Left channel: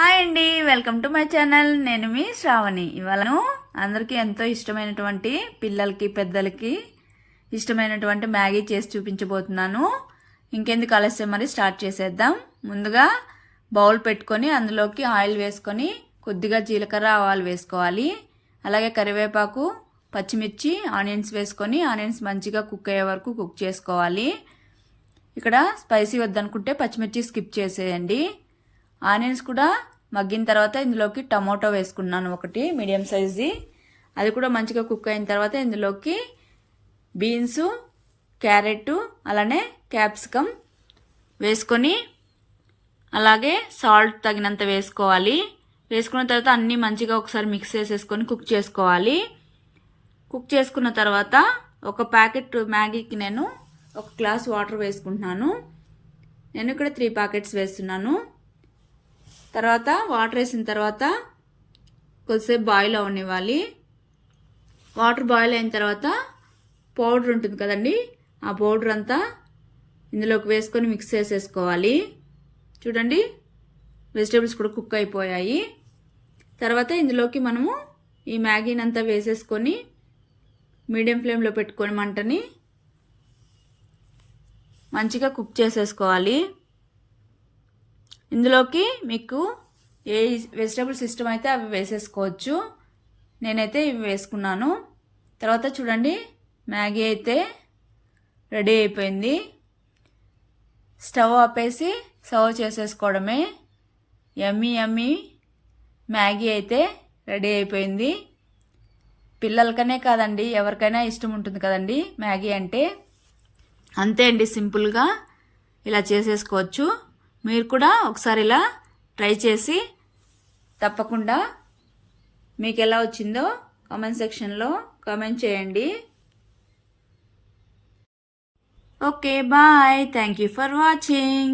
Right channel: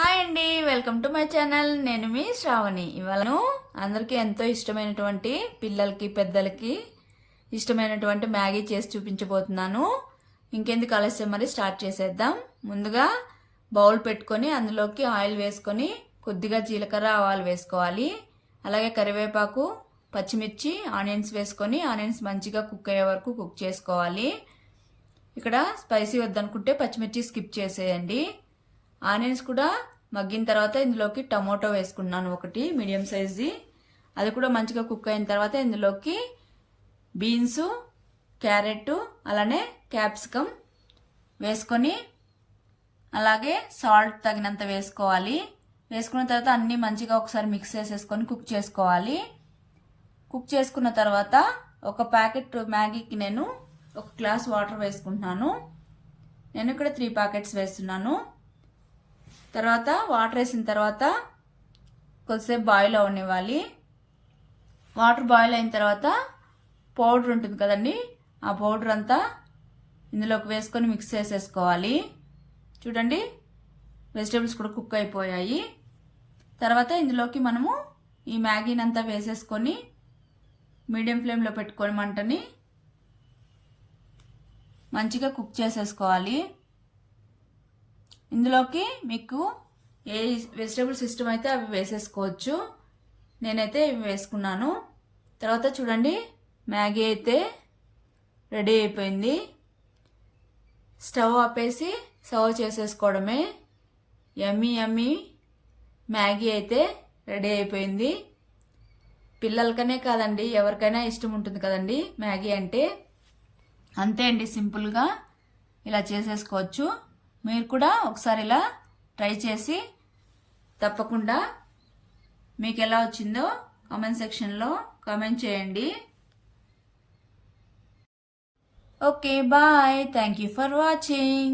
Hi అండి, welcome to my channel. నేను మీ శ్రావణి. ఇవాళ అందరికీ ఎంతో ఇష్టమైనటువంటి పిల్లలకి పెద్దలకి ఇష్టమైనటువంటి మ్యాగీ చేసి చూపించబోతున్నాను. ఇంకెందుకు ఆలస్యం, మరి స్టార్ట్ చేసేద్దాం. ముందుగా బౌల్ పెట్టుకొని అందులోకి ఆయిల్ వేసుకొని కొద్దిగా జీలకర్ర ఆవాలు వేసుకోవాలి. అలాగే కరివేపాకు, పచ్చిమిర్చి, ఆనియన్స్ వేసుకొని ఆనియన్స్ మంచిగా కుక్ అయ్యే వరకు కుక్ చేసుకోవాలి. ఇక్కడ స్పైసీ వద్దనుకుంటే పచ్చిమిర్చి స్కిప్ చేసేయండి. ఆనియన్స్ కూడా మగ్గిన తర్వాత ఇందులోకి టమోటో వేసుకున్నాను, ఒకటి మీడియం సైజ్ది. అది కూడా మంచిగా కుక్ అయిన తర్వాత ఇందులోకి బీన్స్, క్యారెట్, అలానే క్యాప్సికమ్ వేసుకొని అలాగే సాల్ట్ తగినంత వేసుకోవాలి. వేసుకున్న తర్వాత అన్నీ మంచిగా ఒకసారి మిక్స్ చేసేసుకొని కుక్ చేసుకోవాలి. కుక్ చేసుకున్న తర్వాత ఒక ప్యాకెట్ మ్యాగీకి నేను 1 గ్లాస్ వాటర్ వేసుకుంటున్నాను. నేను ఇక్కడ 3 ప్యాకెట్స్ వేస్తున్నాను. తర్వాత వాటర్ వేసిన తర్వాత కొద్దిసేపు బాయిల్ అవనివ్వాలి. వాటర్ బాయిల్ అయిన తర్వాత పౌడర్ ఉంటుంది కదండి, ఆ పౌడర్ అంతా ఇందులోకి వేసుకొని మిక్స్ చేసేసుకోవాలి. చూడండి, వెజిటేబుల్స్ కూడా కుక్ అయిపోయాయి. తర్వాత ఇందులోకి మనము ఈ మ్యాగీని అంతా వేసేసుకొని మీడియం ఫ్లేమ్లో పెట్టుకొని మంటని మంచిగా కుక్ చేసేసుకోవాలి. ఇందులోకి మీకు ఏ వెజిటేబుల్స్ ఇష్టమైతే అవి వేసేసుకోవచ్చు. నేనైతే ఇవి వేసుకున్నాను. తర్వాత చూడండి, మ్యాగీ అయితే రెడీ అయిపోయింది. స్టవ్ ఆపేసి సర్వ్ చేసేసుకోవడమే. యమ్మీ యమ్మీ మ్యాగీ అయితే రెడీ అయిపోయింది. పిల్లలకనే కాదండి, ఎవరికైనా ఇష్టం ఉంటుంది కదండి మ్యాగీ అంటే. అంతే అండి, సింపుల్గా ఇలా చేసేసుకోవచ్చు. మీరు కూడా ఒకసారి ఇలా ట్రై చేసి తప్పకుండా మీకు ఎలా వచ్చిందో కామెంట్ సెక్షన్లో కామెంట్ చేయండి. Okay, bye. Thank you for watching.